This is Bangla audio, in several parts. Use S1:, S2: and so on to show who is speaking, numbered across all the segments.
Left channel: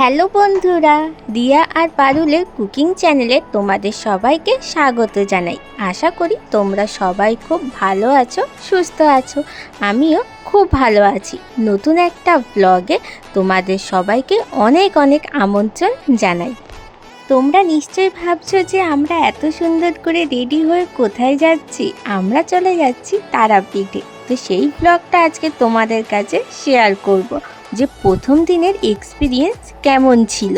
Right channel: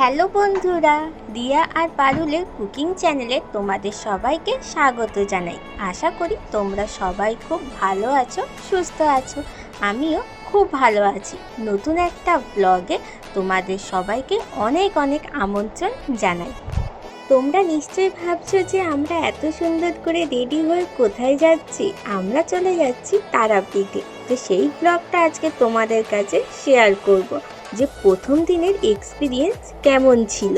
S1: হ্যালো বন্ধুরা, দিয়া আর পারুলের কুকিং চ্যানেলে তোমাদের সবাইকে স্বাগত জানাই। আশা করি তোমরা সবাই খুব ভালো আছো, সুস্থ আছো। আমিও খুব ভালো আছি। নতুন একটা ব্লগে তোমাদের সবাইকে অনেক অনেক আমন্ত্রণ জানাই। তোমরা নিশ্চয়ই ভাবছ যে আমরা এত সুন্দর করে রেডি হয়ে কোথায় যাচ্ছি? আমরা চলে যাচ্ছি তারাপীঠে। তো সেই ব্লগটা আজকে তোমাদের কাছে শেয়ার করব। যে প্রথম দিনের এক্সপিরিয়েন্স কেমন ছিল।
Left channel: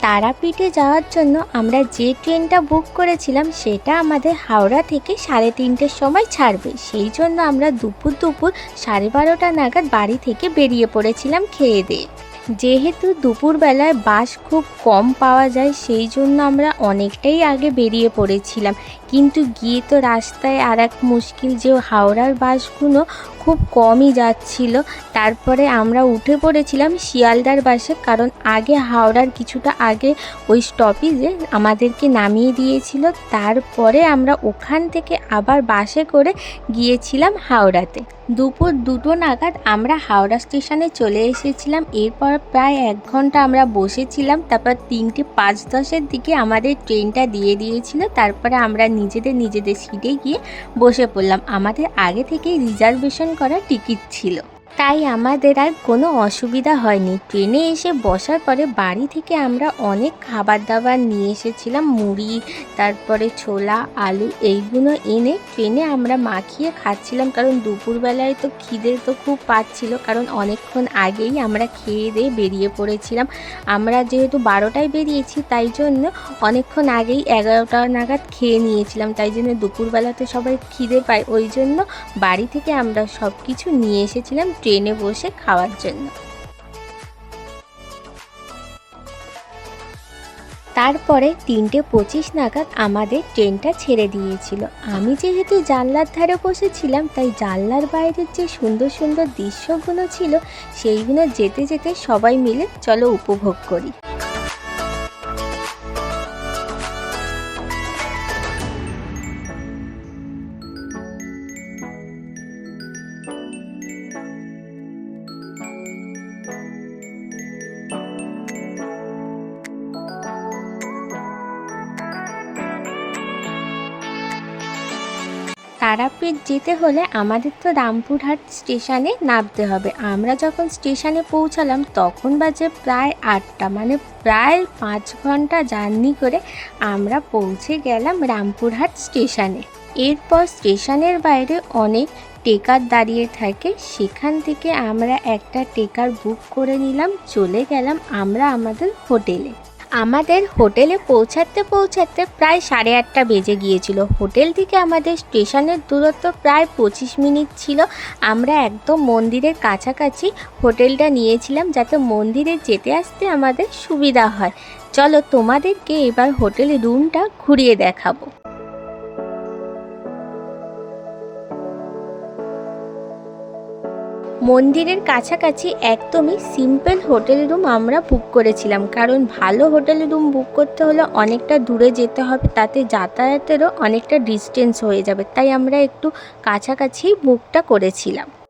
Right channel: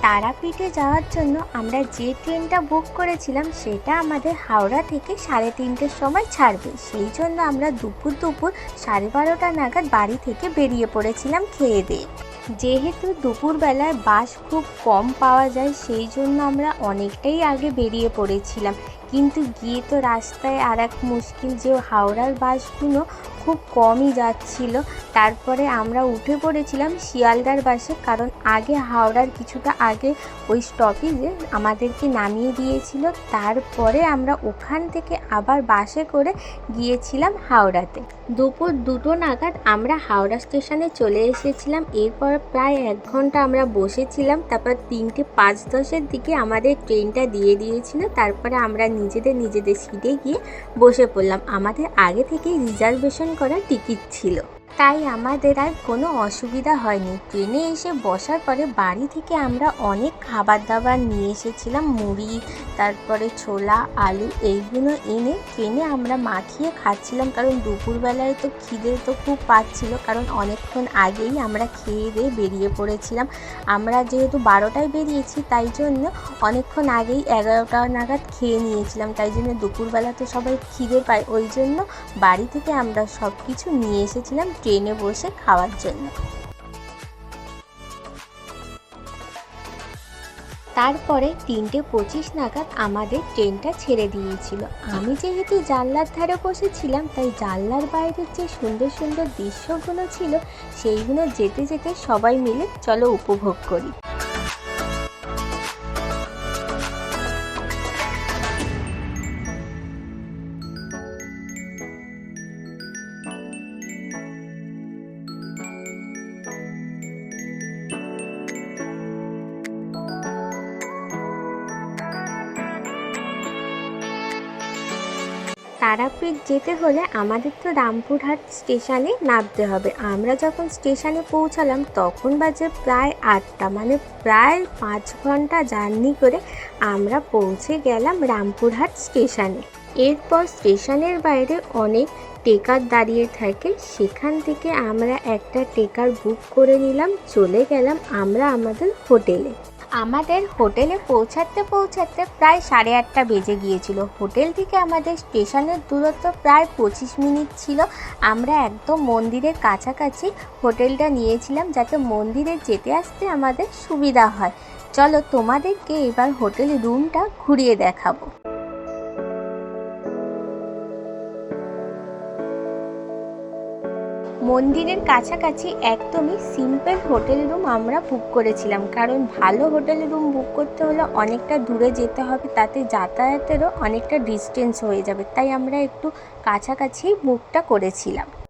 S1: তারাপীঠে যাওয়ার জন্য আমরা যে ট্রেনটা বুক করেছিলাম, সেটা আমাদের হাওড়া থেকে সাড়ে তিনটের সময় ছাড়বে। সেই জন্য আমরা দুপুর দুপুর সাড়ে বারোটা নাগাদ বাড়ি থেকে বেরিয়ে পড়েছিলাম খেয়ে দিয়ে। যেহেতু দুপুরবেলায় বাস খুব কম পাওয়া যায়, সেই জন্য আমরা অনেকটাই আগে বেরিয়ে পড়েছিলাম। কিন্তু গিয়ে তো রাস্তায় আর এক মুশকিল যে হাওড়ার বাসগুলো খুব কমই যাচ্ছিল। তারপরে আমরা উঠে পড়েছিলাম শিয়ালদার বাসে, কারণ আগে হাওড়ার কিছুটা আগে ওই স্টপেজে আমাদেরকে নামিয়ে দিয়েছিল। তারপরে আমরা ওখান থেকে আবার বাসে করে গিয়েছিলাম হাওড়াতে। দুপুর দুটো নাগাদ আমরা হাওড়া স্টেশনে চলে এসেছিলাম। এরপর প্রায় এক ঘণ্টা আমরা বসেছিলাম। তারপর তিনটে পাঁচ দশের দিকে আমাদের ট্রেনটা দিয়ে দিয়েছিল। তারপরে আমরা নিজেদের নিজেদের সিটে গিয়ে বসে পড়লাম। আমাদের আগে থেকেই রিজার্ভেশন করা টিকিট ছিল। তাই আমাদের আর কোনো অসুবিধা হয়নি। ট্রেনে এসে বসার পরে বাড়ি থেকে আমরা অনেক খাবার দাবার নিয়ে এসেছিলাম, মুড়ি, তারপরে ছোলা, আলু এইগুলো এনে ট্রেনে আমরা মাখিয়ে খাচ্ছিলাম। কারণ দুপুরবেলায় তো খিদে তো খুব পাচ্ছিল কারণ অনেকক্ষণ আগেই আমরা খেয়ে দিয়ে বেরিয়ে পড়েছিলাম। আমরা যেহেতু বারোটায় বেরিয়েছি, তাই জন্য অনেকক্ষণ আগেই এগারোটা নাগাদ খেয়ে নিয়েছিলাম। তাই জন্য দুপুরবেলাতে সবাই খিদে পায়, ওই জন্য বাড়ি থেকে আমরা সব কিছু নিয়ে এসেছিলাম। ট্রেনে বসে খাওয়ার জন্য। তারপরে তিনটে পঁচিশ নাগাদ আমাদের ট্রেনটা ছেড়ে দিয়েছিল। আমি যেহেতু জানলার ধারে বসেছিলাম, তাই জানলার বাইরের যে সুন্দর সুন্দর দৃশ্যগুলো ছিল, সেইগুলো যেতে যেতে সবাই মিলে চলো উপভোগ করি। তারাপীঠ যেতে হলে আমাদের তো রামপুরহাট স্টেশনে নামতে হবে। আমরা যখন স্টেশনে পৌঁছালাম, তখন বাজে প্রায় আটটা। মানে প্রায় পাঁচ ঘণ্টা জার্নি করে আমরা পৌঁছে গেলাম রামপুরহাট স্টেশনে। এরপর স্টেশনের বাইরে অনেক টেকার দাঁড়িয়ে থাকে। সেখান থেকে আমরা একটা টেকার বুক করে নিলাম, চলে গেলাম আমরা আমাদের হোটেলে। আমাদের হোটেলে পৌঁছাতে পৌঁছাতে প্রায় সাড়ে আটটা বেজে গিয়েছিল। হোটেল থেকে আমাদের স্টেশনের দূরত্ব প্রায় পঁচিশ মিনিট ছিল। আমরা একদম মন্দিরের কাছাকাছি হোটেলটা নিয়েছিলাম যাতে মন্দিরে যেতে আসতে আমাদের সুবিধা হয়। চলো তোমাদেরকে এবার হোটেল রুমটা ঘুরিয়ে দেখাবো। মন্দিরের কাছাকাছি একদমই সিম্পল হোটেল রুম আমরা বুক করেছিলাম। কারণ ভালো হোটেল রুম বুক করতে হলে অনেকটা দূরে যেতে হবে, তাতে যাতায়াতেরও অনেকটা ডিস্টেন্স হয়ে যাবে। তাই আমরা একটু কাছাকাছি বুকটা করেছিলাম।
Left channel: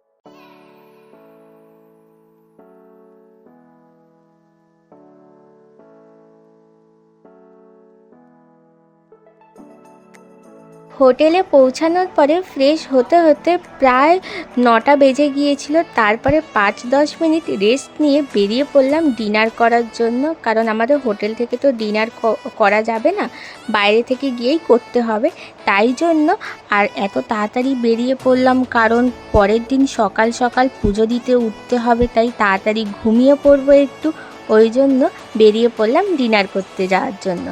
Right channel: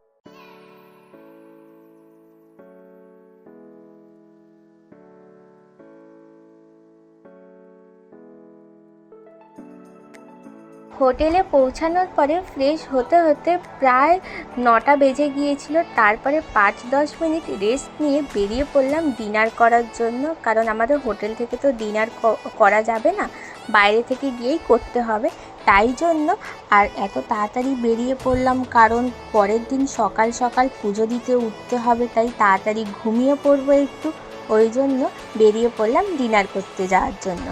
S1: হোটেলে পৌঁছানোর পরে ফ্রেশ হতে হতে প্রায় নটা বেজে গিয়েছিল। তারপরে পাঁচ দশ মিনিট রেস্ট নিয়ে বেরিয়ে পড়লাম ডিনার করার জন্য। কারণ আমাদের হোটেল থেকে তো ডিনার করা যাবে না। বাইরে থেকে গিয়েই করতে হবে। তাই জন্য আর এত তাড়াতাড়ি বেরিয়ে পড়লাম। কারণ পরের দিন সকাল সকাল পুজো দিতে উঠতে হবে। তাই তাড়াতাড়ি ঘুমিয়ে পড়ব একটু। ওই জন্য বেরিয়ে পড়লাম ডিনার করতে যাওয়ার জন্য।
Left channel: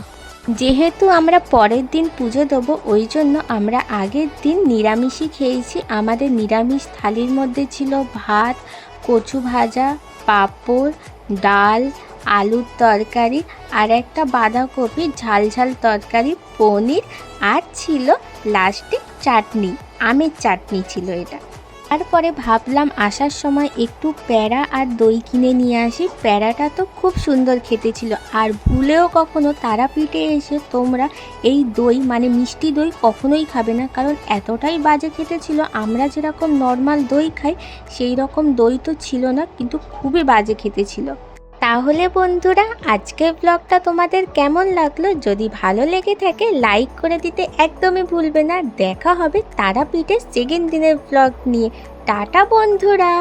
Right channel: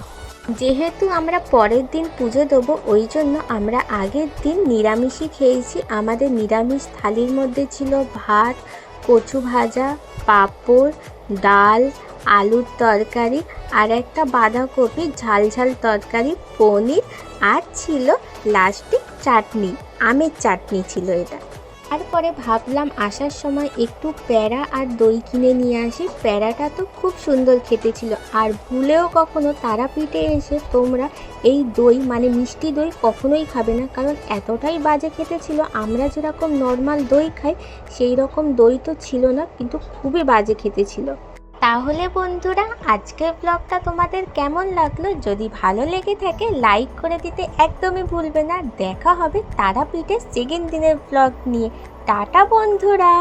S1: যেহেতু আমরা পরের দিন পুজো দেবো, ওই জন্য আমরা আগের দিন নিরামিষই খেয়েছি। আমাদের নিরামিষ থালির মধ্যে ছিল ভাত, কচু ভাজা, পাঁপড়, ডাল, আলুর তরকারি আর একটা বাঁধাকপি ঝাল ঝাল তরকারি, পনির আর ছিল লাস্টে চাটনি, আমের চাটনি ছিল এটা। তারপরে ভাবলাম আসার সময় একটু প্যারা আর দই কিনে নিয়ে আসি। প্যারাটা তো খুব সুন্দর খেতে ছিল। আর ভুলেও কখনো তারাপীঠে এসে তোমরা এই দই মানে মিষ্টি দই কখনোই খাবে না। কারণ এতটাই বাজে খেতে ছিল, আমরা যেরকম নর্মাল দই খাই সেই রকম দই তো ছিল না, কিন্তু খুবই বাজে খেতে ছিল। তাহলে বন্ধুরা, আজকের ব্লগটা তোমাদের কেমন লাগল? যদি ভালো লেগে থাকে লাইক করে দিতে একদমই ভুলবে না। দেখা হবে তারাপীঠের সেকেন্ড দিনের ব্লগ নিয়ে। টাটা বন্ধুরা!